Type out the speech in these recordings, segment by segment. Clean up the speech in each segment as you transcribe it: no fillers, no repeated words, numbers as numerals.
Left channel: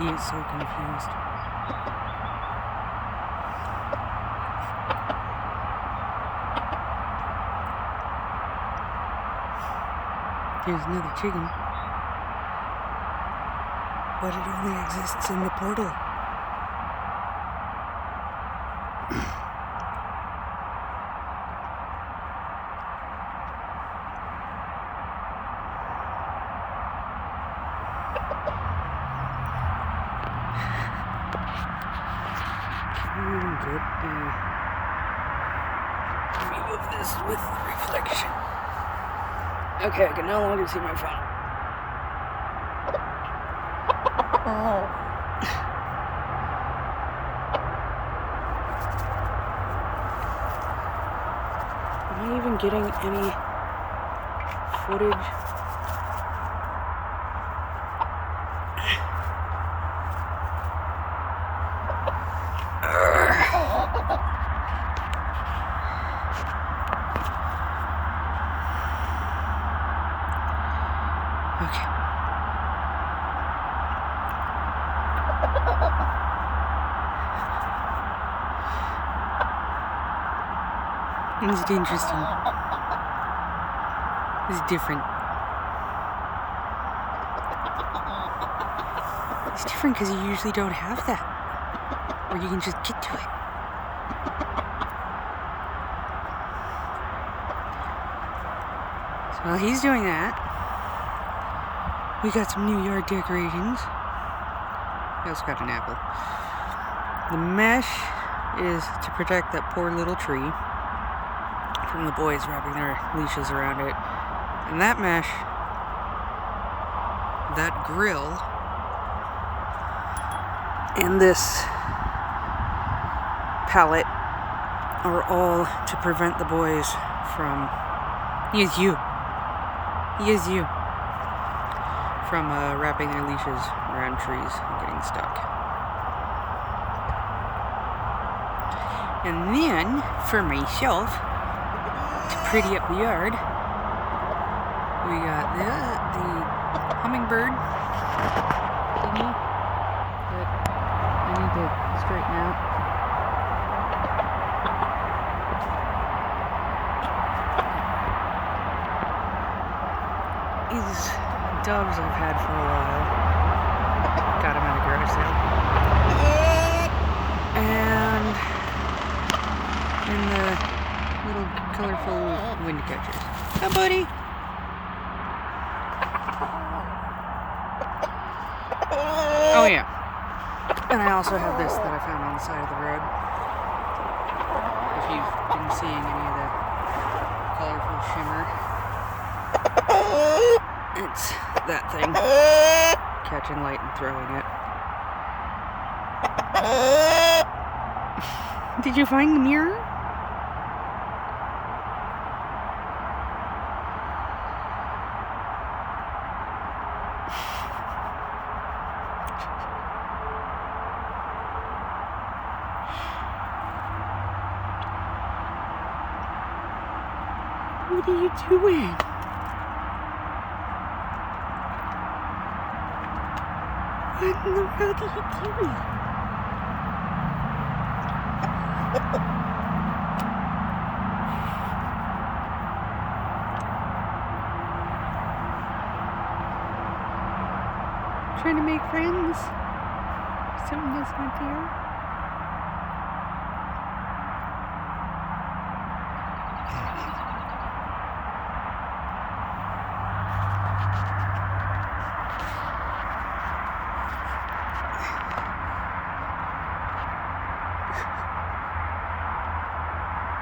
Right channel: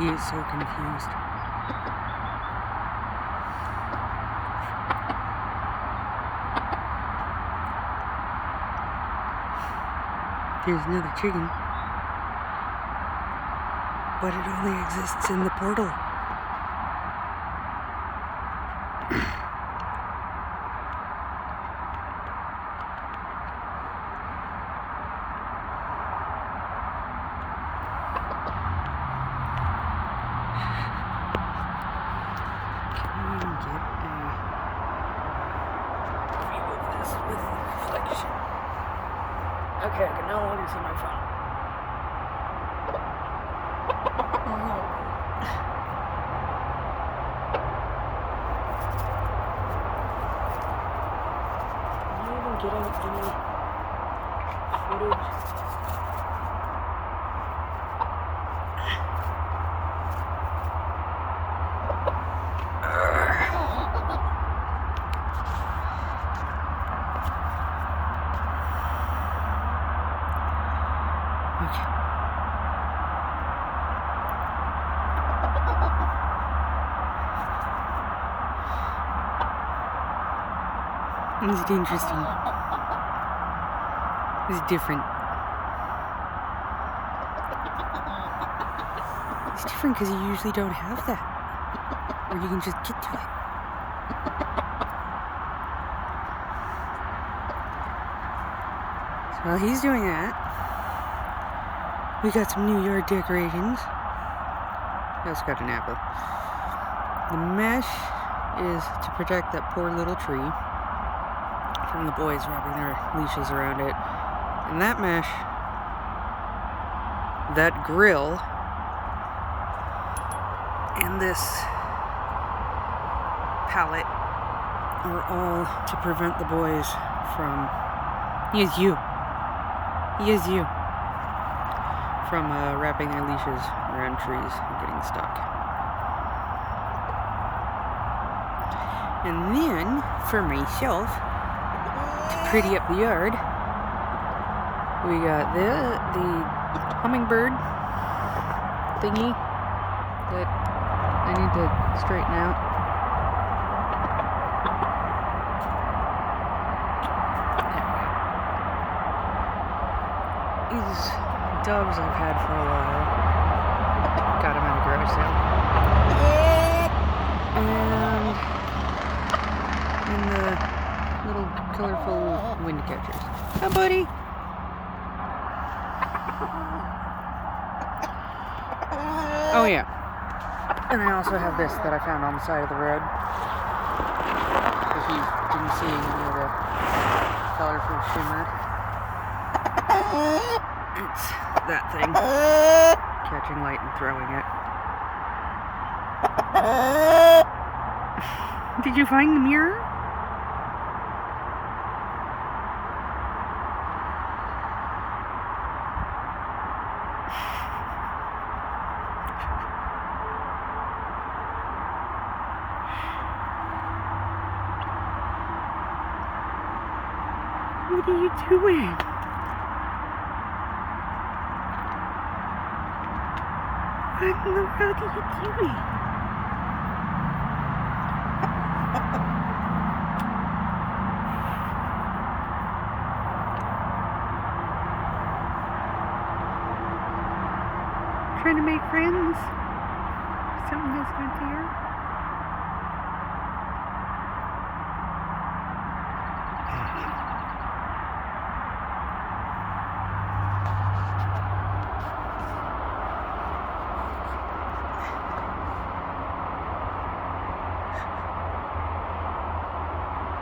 He is so confused. There's another chicken. But it only exists in the portal. Get a view of this with the reflection. Okay, I can no longer see my phone. Am I even getting any footage? Okay. This is interesting. This is different. It's different because you usually don't have that. Where you can just get to it. So while he's doing that, we got some New Yard decorations. We also got an apple. The mesh is to protect that poor little tree from the boys wrapping their leashes around it. And that mesh, that grill, and this pallet are all to prevent the boys from... He is you. From wrapping their leashes around trees and getting stuck. And then, for myself, to pretty up the yard, we got the hummingbird thingy that I need to straighten out. These doves I've had for a while. Got them at a garage sale. And in the little colorful wind catchers. Hi, buddy. Oh yeah. And I also have this that I found on the side of the road. If you've been seeing any of the colorful shimmer. It's that thing. Catching light and throwing it. Did you find the mirror? What are you doing? What in the world are you doing? Trying to make friends? Something that's not there?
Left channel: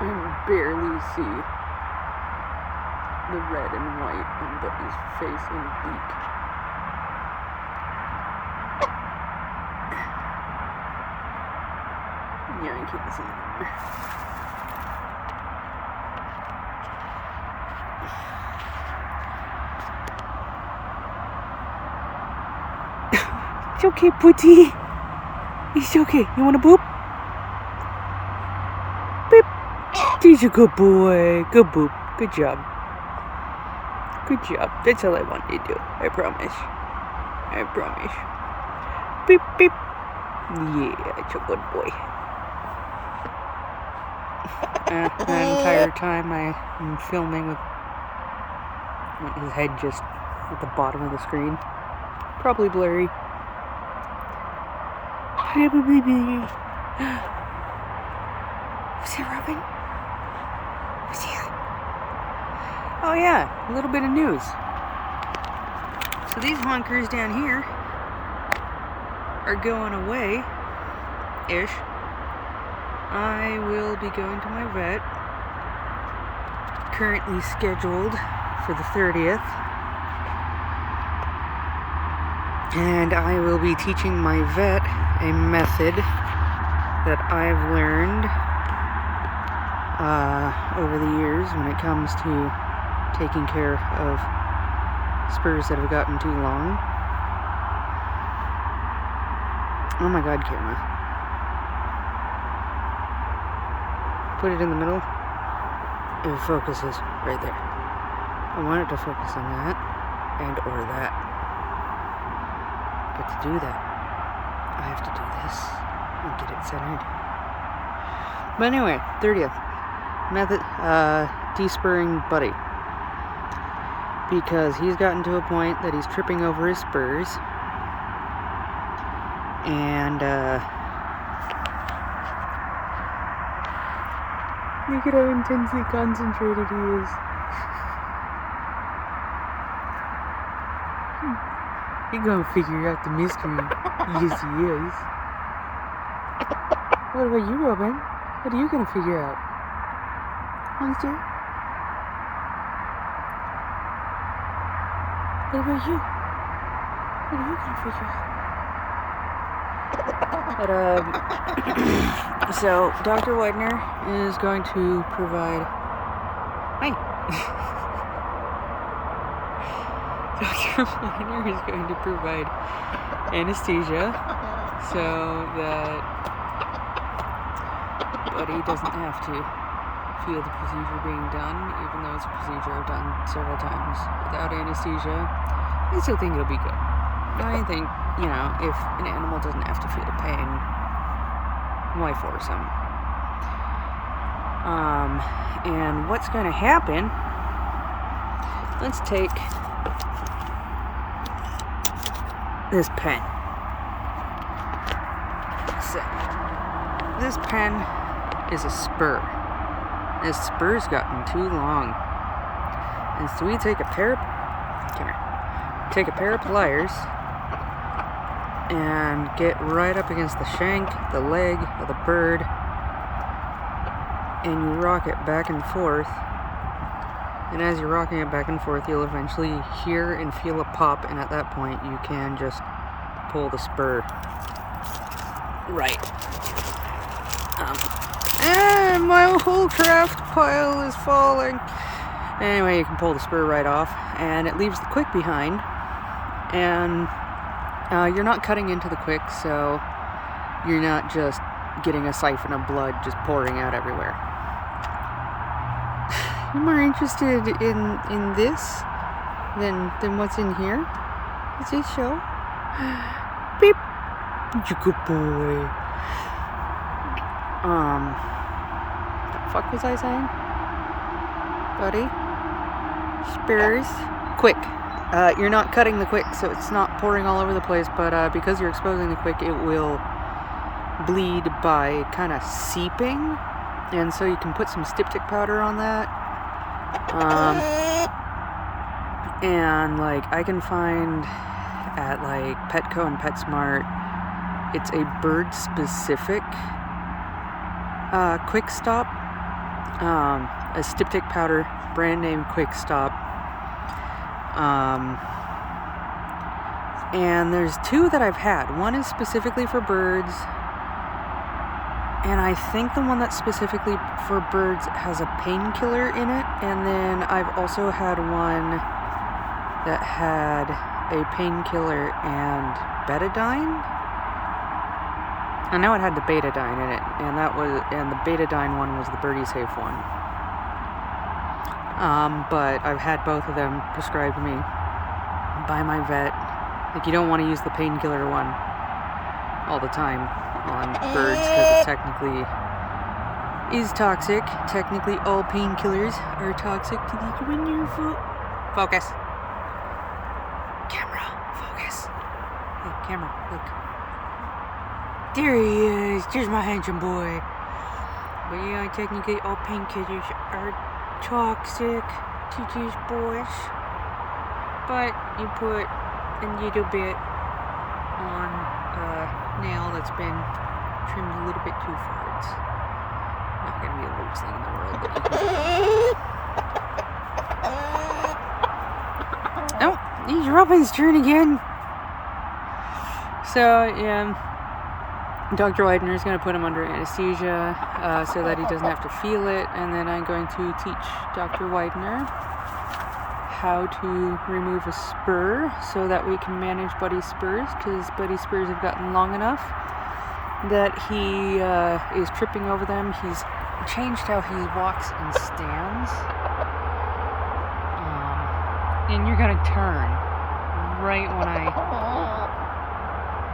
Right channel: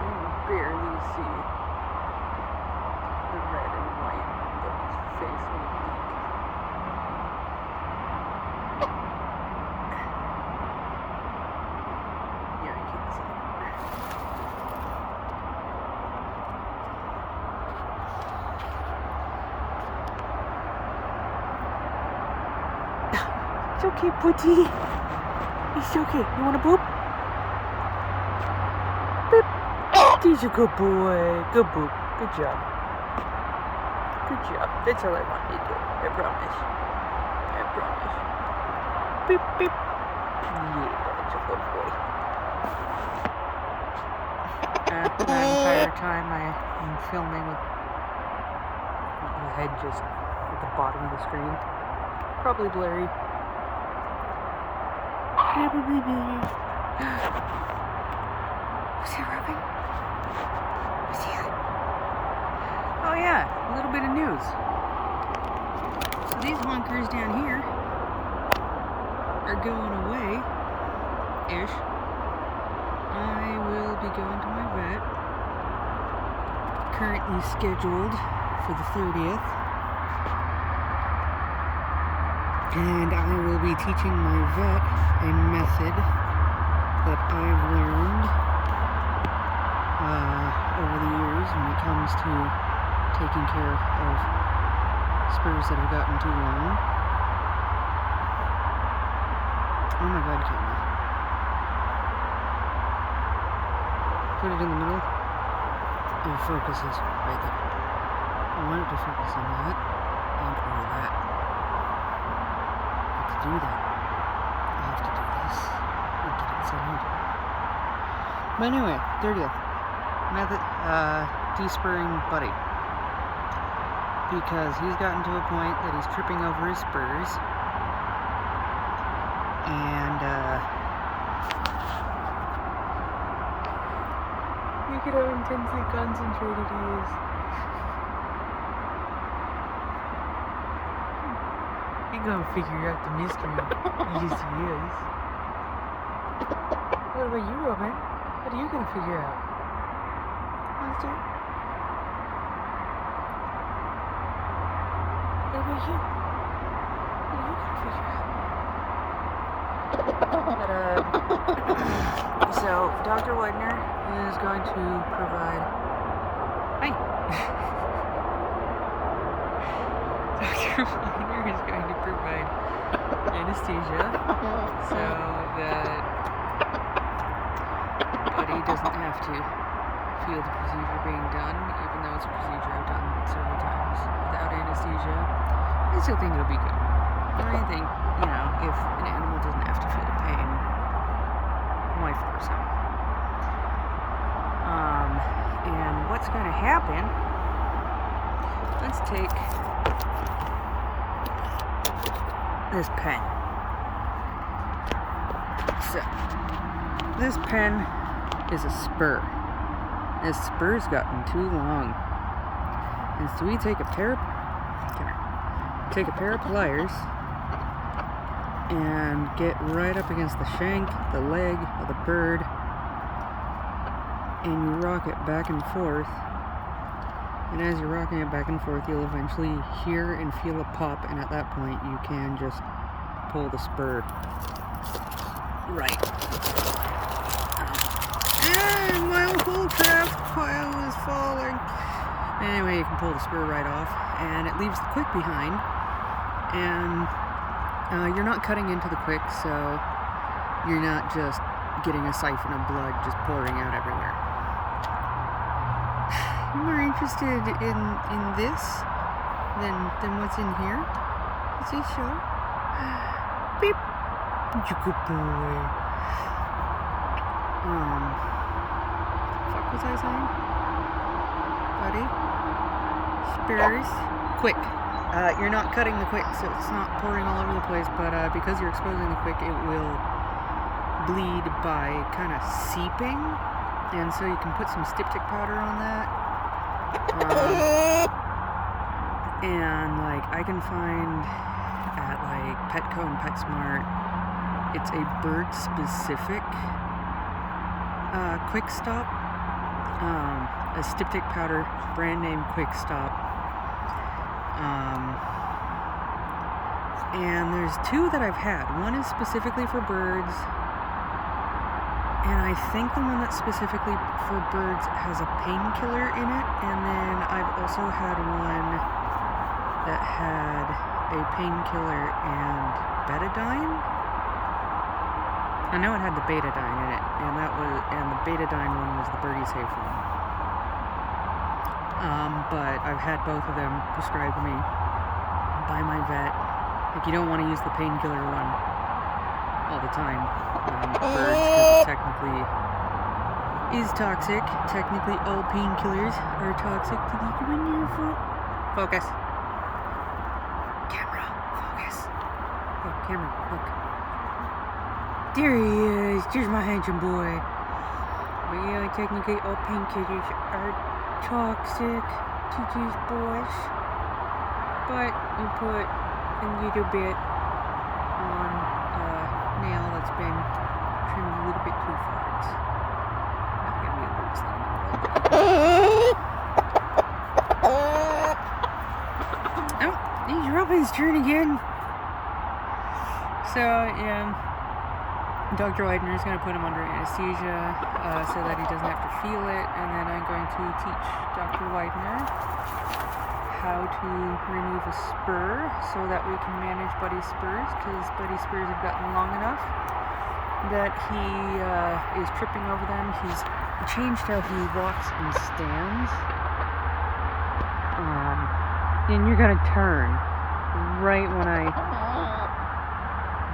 You can barely see the red and white on Buddy's face and beak. Yeah, I can see it. It's okay, Putty. It's okay. You want to boop? Beep. He's a good boy. Good boop. Good job. Good job. That's all I want you to do. I promise. I promise. beep, beep. Yeah, it's a good boy. And the entire time I'm filming with his head just at the bottom of the screen. Probably blurry. Was he rubbing? Was he? Oh yeah, a little bit of news. So these honkers down here are going away-ish. I will be going to my vet, currently scheduled for the 30th. And I will be teaching my vet a method that I've learned over the years when it comes to taking care of spurs that have gotten too long. Oh my god, camera. Put it in the middle. It focuses right there. I want it to focus on that and or that. But to do that, I have to do this and get it centered. But anyway, 30th. Method, despurring Buddy. Because he's gotten to a point that he's tripping over his spurs. And, look at how intensely concentrated he is. He's gonna figure out the mystery. Yes, he is. What about you, Robin? What are you gonna figure out? Monster? What about you? What are you gonna figure out? But, so, Dr. Widener is going to provide... Hi! Dr. Widener is going to provide anesthesia so that Buddy doesn't have to feel the procedure being done, even though it's a procedure I've done several times without anesthesia. I still think it'll be good. I think, you know, if an animal doesn't have to feel pain, why force him? And what's going to happen, let's take this pen. So, this pen is a spur. This spur's gotten too long. And so we take a pair of pliers and get right up against the shank, the leg of the bird, and you rock it back and forth. And as you're rocking it back and forth, you'll eventually hear and feel a pop, and at that point you can just pull the spur right. And my whole craft pile is falling. Anyway, you can pull the spur right off, and it leaves the quick behind. And you're not cutting into the quick, so you're not just getting a siphon of blood just pouring out everywhere. I'm more interested in this than what's in here. What's this show? Beep. Good boy. Fuck was I saying? Buddy? Spurs? Quick. You're not cutting the quick, so it's not pouring all over the place, but because you're exposing the quick, it will bleed by kind of seeping, and so you can put some styptic powder on that. And like I can find at like Petco and PetSmart, it's a bird specific quick stop, a styptic powder, brand name Quick Stop. And there's two that I've had. One is specifically for birds, and I think the one that's specifically for birds has a painkiller in it. And then I've also had one that had a painkiller and betadine. I know it had the betadine in it, and the betadine one was the Birdie Safe one. But I've had both of them prescribed to me by my vet. Like, you don't want to use the painkiller one all the time on birds because it technically is toxic. Technically, all painkillers are toxic to the wonderful. Focus. Camera, focus. Hey, camera, look. There he is. There's my handsome boy. But yeah, technically, all painkillers are toxic to these boys. But you put a little bit on a nail that's been trimmed a little bit too far. It's not going to be the worst thing in the world. But oh, he's Robin's turn again. So, yeah, Dr. Widener is going to put him under anesthesia so that he doesn't have to feel it. And then I'm going to teach Dr. Widener how to remove a spur so that we can manage Buddy's spurs, because Buddy's spurs have gotten long enough that he is tripping over them. He's changed how he walks and stands. And you're gonna turn right when I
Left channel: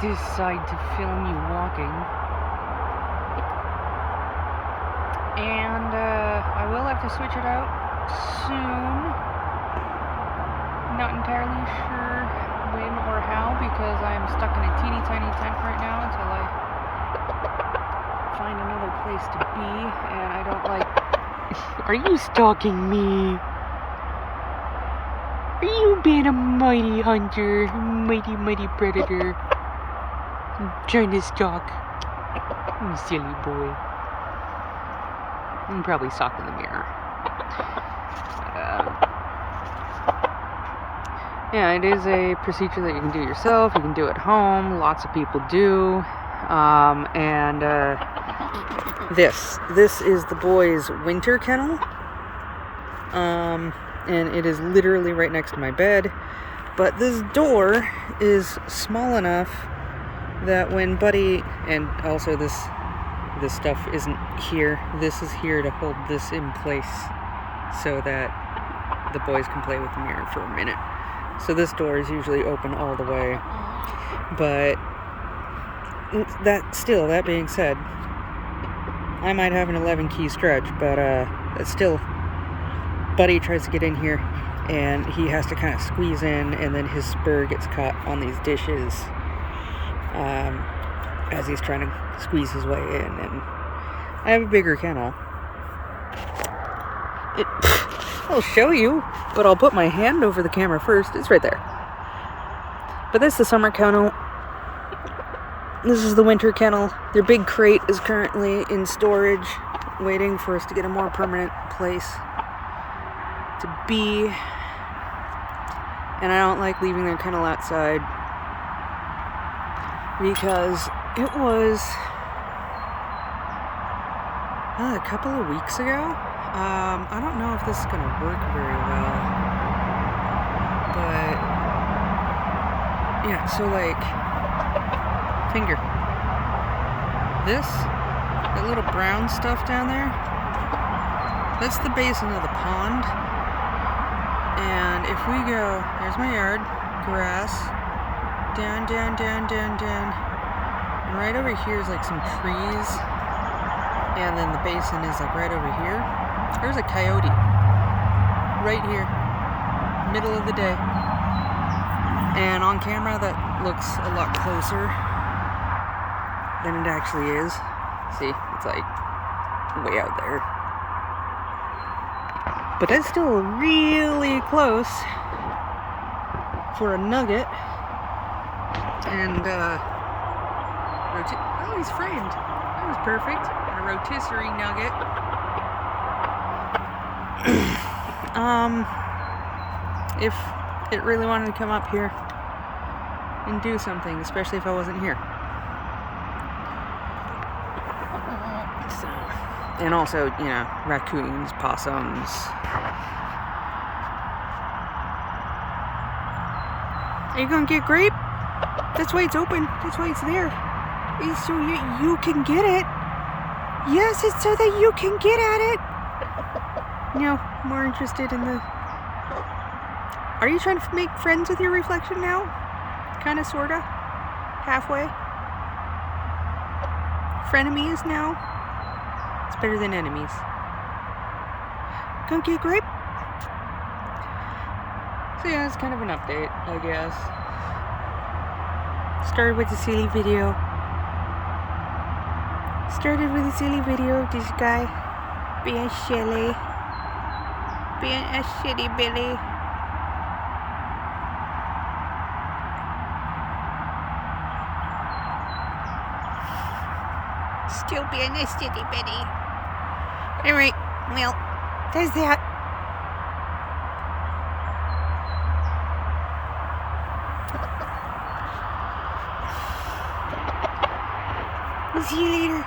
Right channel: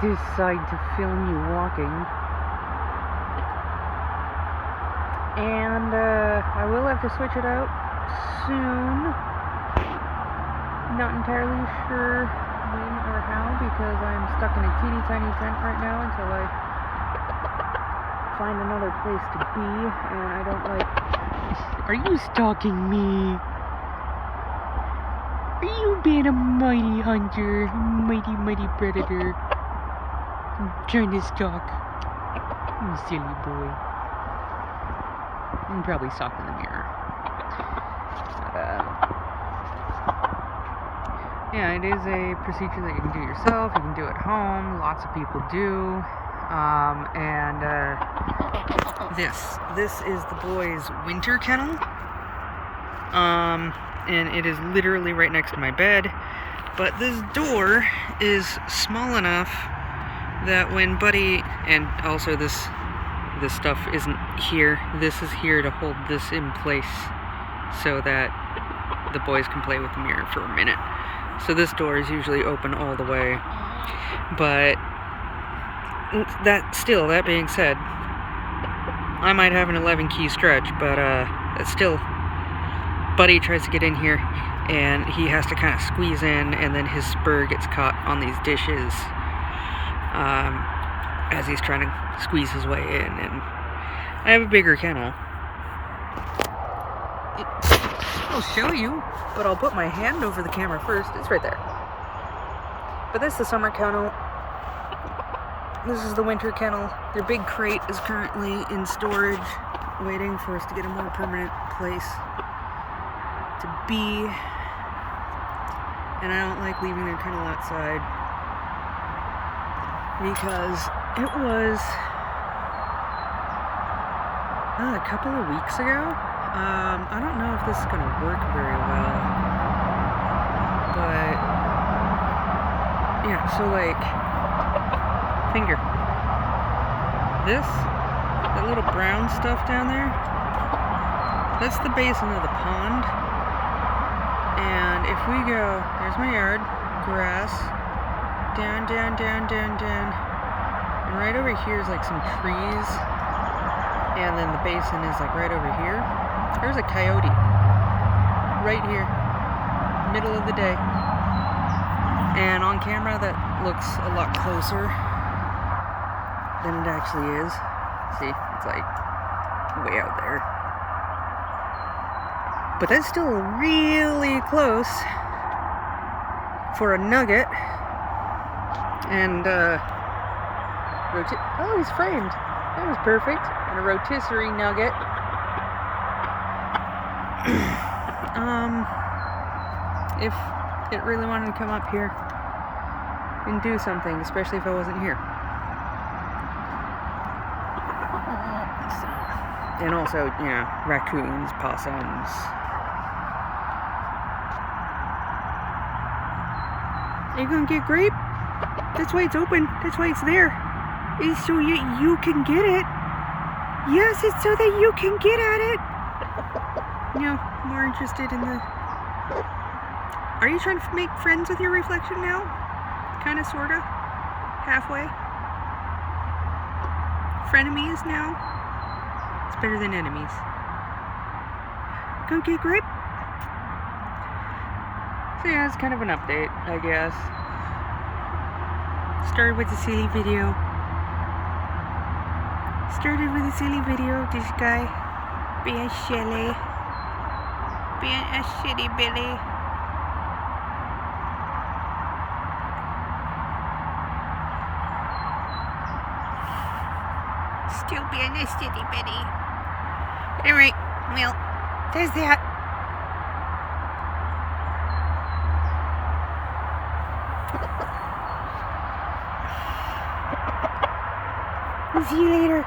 decide to film you walking. And I will have to switch it out soon. Not entirely sure when or how, because I am stuck in a teeny tiny tent right now until I find another place to be, and I don't like... Are you stalking me? Are you being a mighty hunter, mighty predator? I'm trying to stalk. You silly boy. I'm probably stalking the mirror. Yeah, it is a procedure that you can do yourself. You can do at home. Lots of people do. This is the boys' winter kennel. And it is literally right next to my bed. But this door is small enough that when Buddy, and also this stuff isn't here. This is here to hold this in place so that the boys can play with the mirror for a minute. So this door is usually open all the way. But that being said, I might have an 11 key stretch, but it's still, Buddy tries to get in here and he has to kind of squeeze in, and then his spur gets caught on these dishes as he's trying to squeeze his way in. And I have a bigger kennel. I'll show you, but I'll put my hand over the camera first. It's right there. But this is the summer kennel. This is the winter kennel. Their big crate is currently in storage, waiting for us to get a more permanent place to be. And I don't like leaving their kennel outside because it was a couple of weeks ago. I don't know if this is going to work very well, but yeah, so like, finger, that little brown stuff down there, that's the basin of the pond. And if we go, there's my yard, grass, down, and right over here is like some trees, and then the basin is like right over here. There's a coyote right here, middle of the day, and on camera that looks a lot closer than it actually is. See, it's like way out there, but that's still really close for a nugget. And oh, he's framed. That was perfect. And a rotisserie nugget. If it really wanted to come up here and do something, especially if I wasn't here. So, and also, you know, raccoons, possums. Are you gonna get grape? That's why it's open. That's why it's there. It's so you can get it. Yes, it's so that you can get at it. You know, more interested in the... Are you trying to make friends with your reflection now? Kinda, sorta? Halfway? frenemies now. It's better than enemies. Cookie grape. So yeah, it's kind of an update, I guess. Started with a silly video. This guy being silly. Being a shitty Billy. Still being a shitty Billy. Alright, well, there's that. See you later.